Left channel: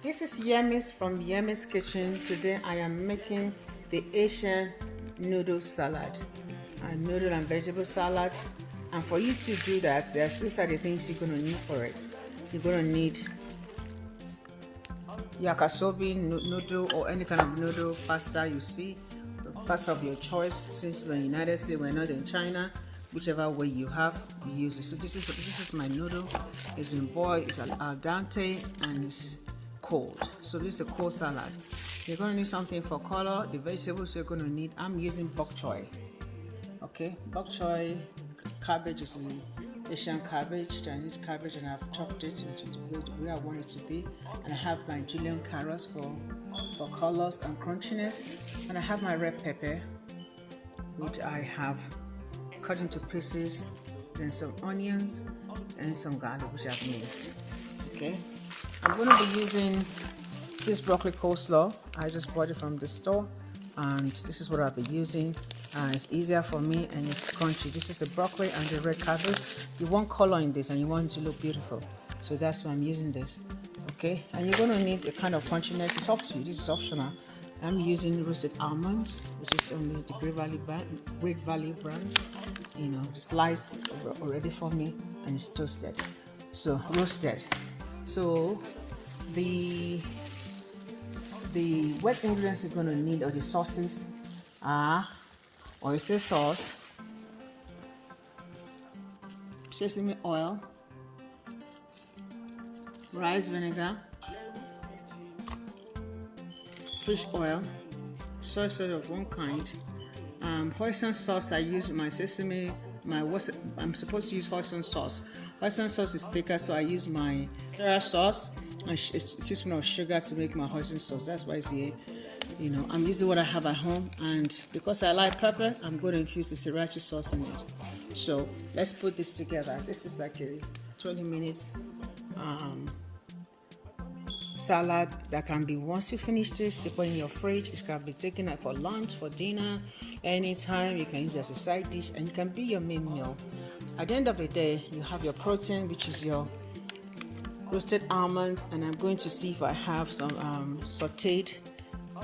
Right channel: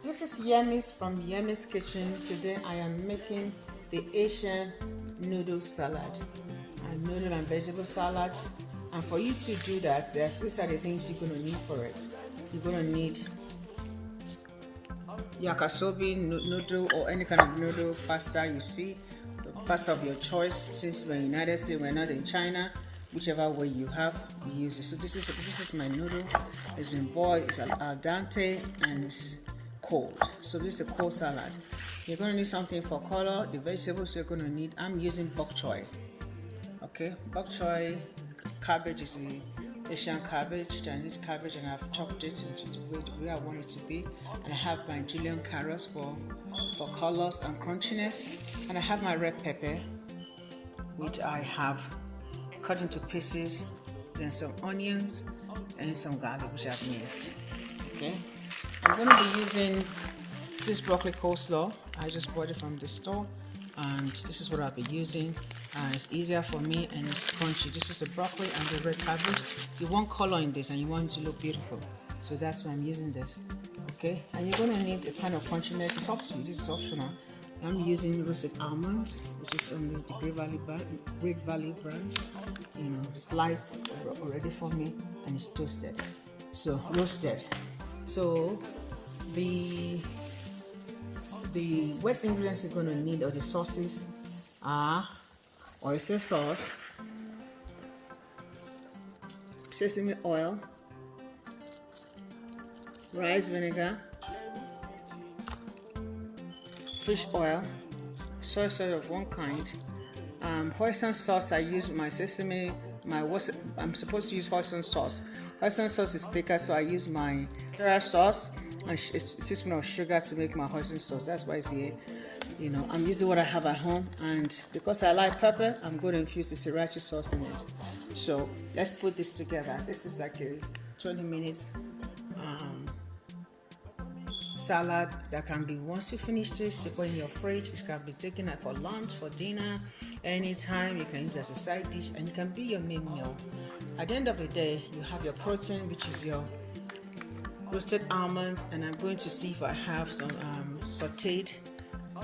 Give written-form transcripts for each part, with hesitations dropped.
This is Yemiz from Yemiz Kitchen. Today I am making the Asian noodle salad, a noodle and vegetable salad. And for you to do that, these are the things you're going to need for it. You're going to need yakisoba noodle or any kind of noodle pasta you see, the pasta of your choice. Since we're in the United States, we're not in China. Whichever way you have, you use it. So this is my noodle. It's been boiled. It's al dente and it's cold. So this is a cold salad. You're going to need something for color. The vegetables you're going to need. I'm using bok choy. Okay, bok choy cabbage is the Asian cabbage, Chinese cabbage, and I've chopped it into the way I want it to be. And I have my julienne carrots for colors and crunchiness. And I have my red pepper, which I have cut into pieces, then some onions and some garlic which I've minced. Okay, I'm going to be using this broccoli coleslaw. I just bought it from the store and this is what I'll be using. It's easier for me and it's crunchy. This is the broccoli and the red cabbage. You want color in this and you want it to look beautiful, so that's why I'm using this. Okay, and you're going to need a kind of crunchiness. It's up to you, this is optional. I'm using roasted almonds, which is only the Great Valley brand, sliced already for me, and it's toasted. So roasted. So the wet ingredients you're going to need, or the sauces, are oyster sauce, sesame oil, rice vinegar, fish oil, soy sauce of one kind, hoisin sauce. I use my sesame, I'm supposed to use hoisin sauce. Hoisin sauce is thicker, so I use my soya sauce and a teaspoon of sugar to make my hoisin sauce. That's why it's here. I'm using what I have at home, and because I like pepper, I'm going to infuse the sriracha sauce in it. So let's put this together. This is like a 20 minutes salad that can be, once you finish this, you put in your fridge. It can be taken out for lunch, for dinner, anytime. You can use it as a side dish, and it can be your main meal. At the end of the day, you have your protein, which is your roasted almonds, and I'm going to see if I have some sauteed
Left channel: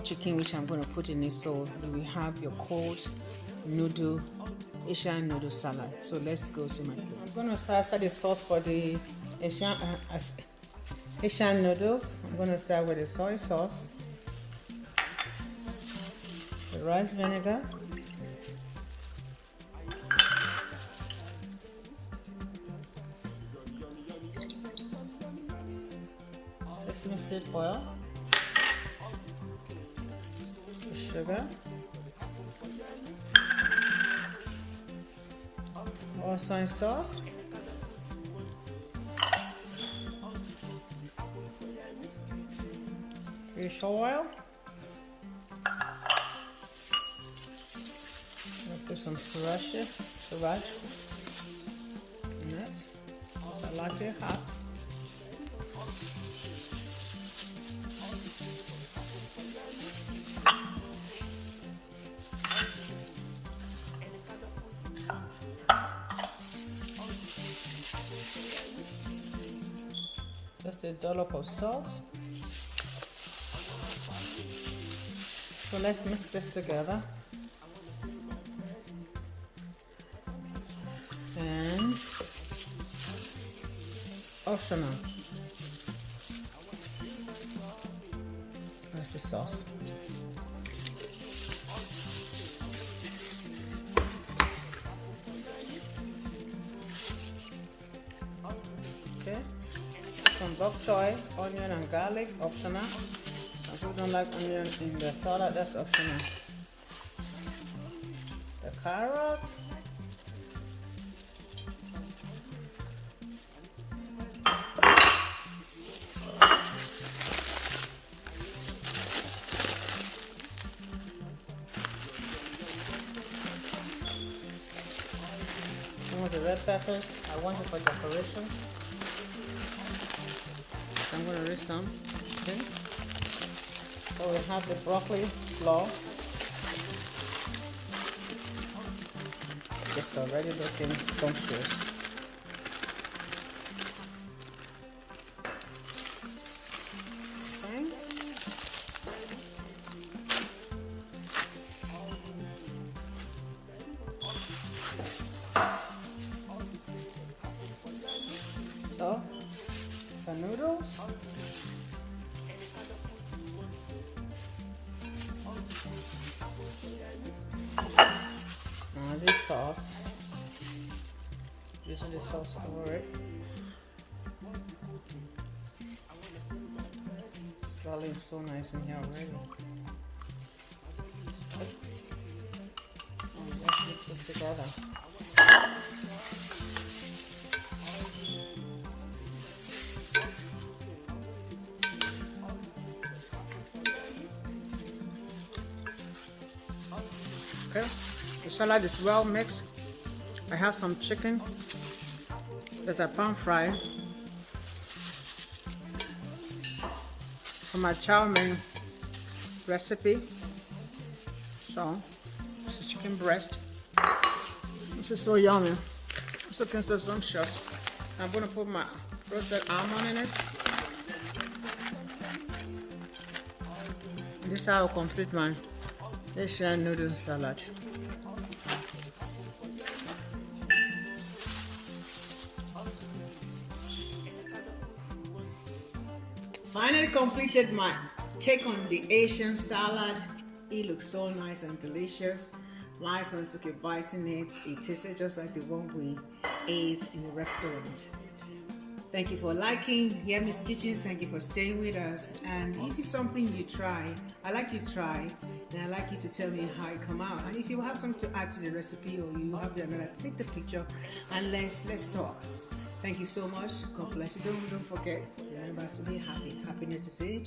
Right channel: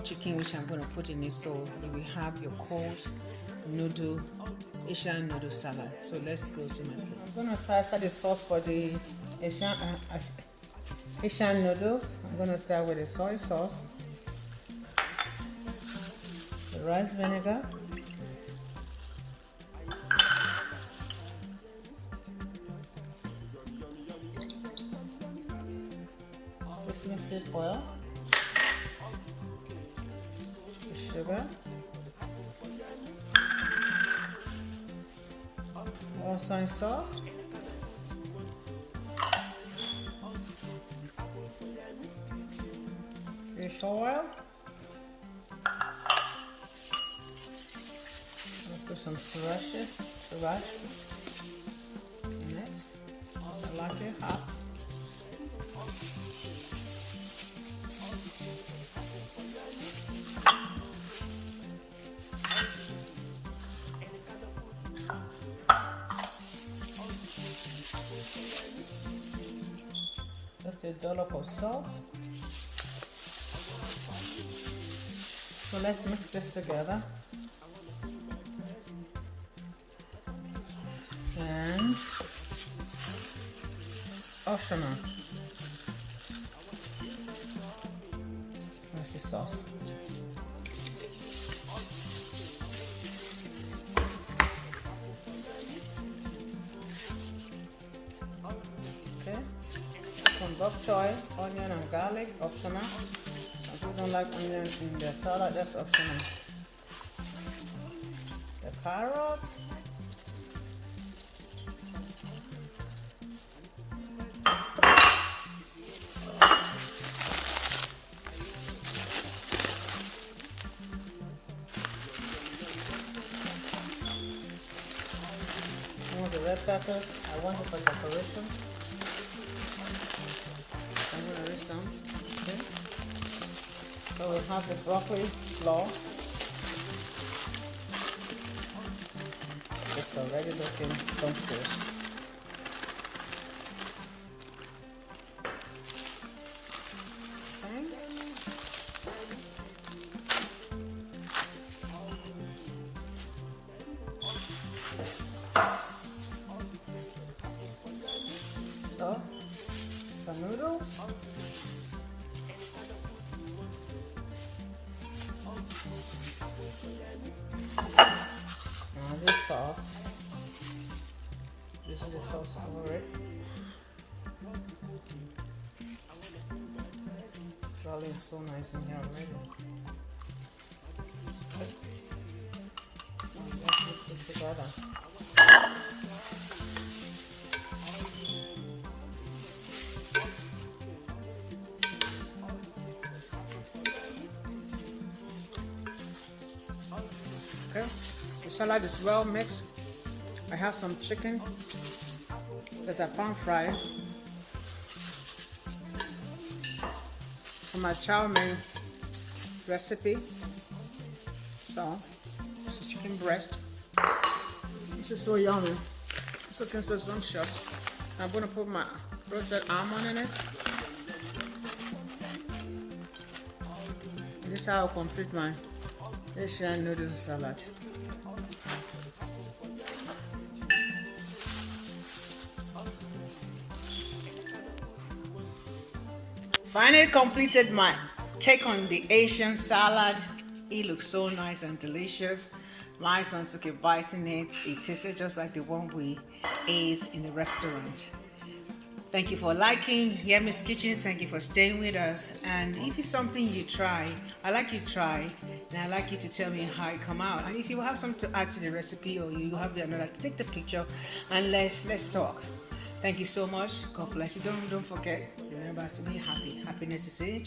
chicken, which I'm going to put in it. So we have your cold noodle, Asian noodle salad. So let's go to my plate. I'm going to start the sauce for the Asian noodles. I'm going to start with the soy sauce, the rice vinegar, sesame seed oil, the sugar, soy sauce, fish oil, put some sriracha in it, so like it hot. Just a dollop of salt. So let's mix this together. And optional. That's the sauce. Okay. Some bok choy, onion and garlic, optional. If you don't like onion in the salad, that's optional. The carrots, some of the red peppers. I want it for decoration. I'm going to rinse some. Okay. So we have the broccoli slaw. It's already looking sumptuous. Okay. So, the noodles. And this sauce. Using the sauce over it. It's rolling so nice in here already. Let's mix it together. Okay, the salad is well mixed. I have some chicken that I pan fried from my chow mein recipe. So, it's a chicken breast. This is so yummy. So can say sumptuous. I'm gonna put my roasted almond in it. This is how I'll complete my Asian noodle salad. Finally completed my take on the Asian salad. It looks so nice and delicious. My son took a bite in it. It tasted just like the one we ate in the restaurant. Thank you for liking Yemiz Kitchen. Thank you for staying with us. And if it's something you try, I like you to try, and I like you to tell me how it come out. And if you have something to add to the recipe, or you have another, take the picture and let's talk. Thank you so much. God bless you. Don't forget. Remember to be happy. Happiness is it.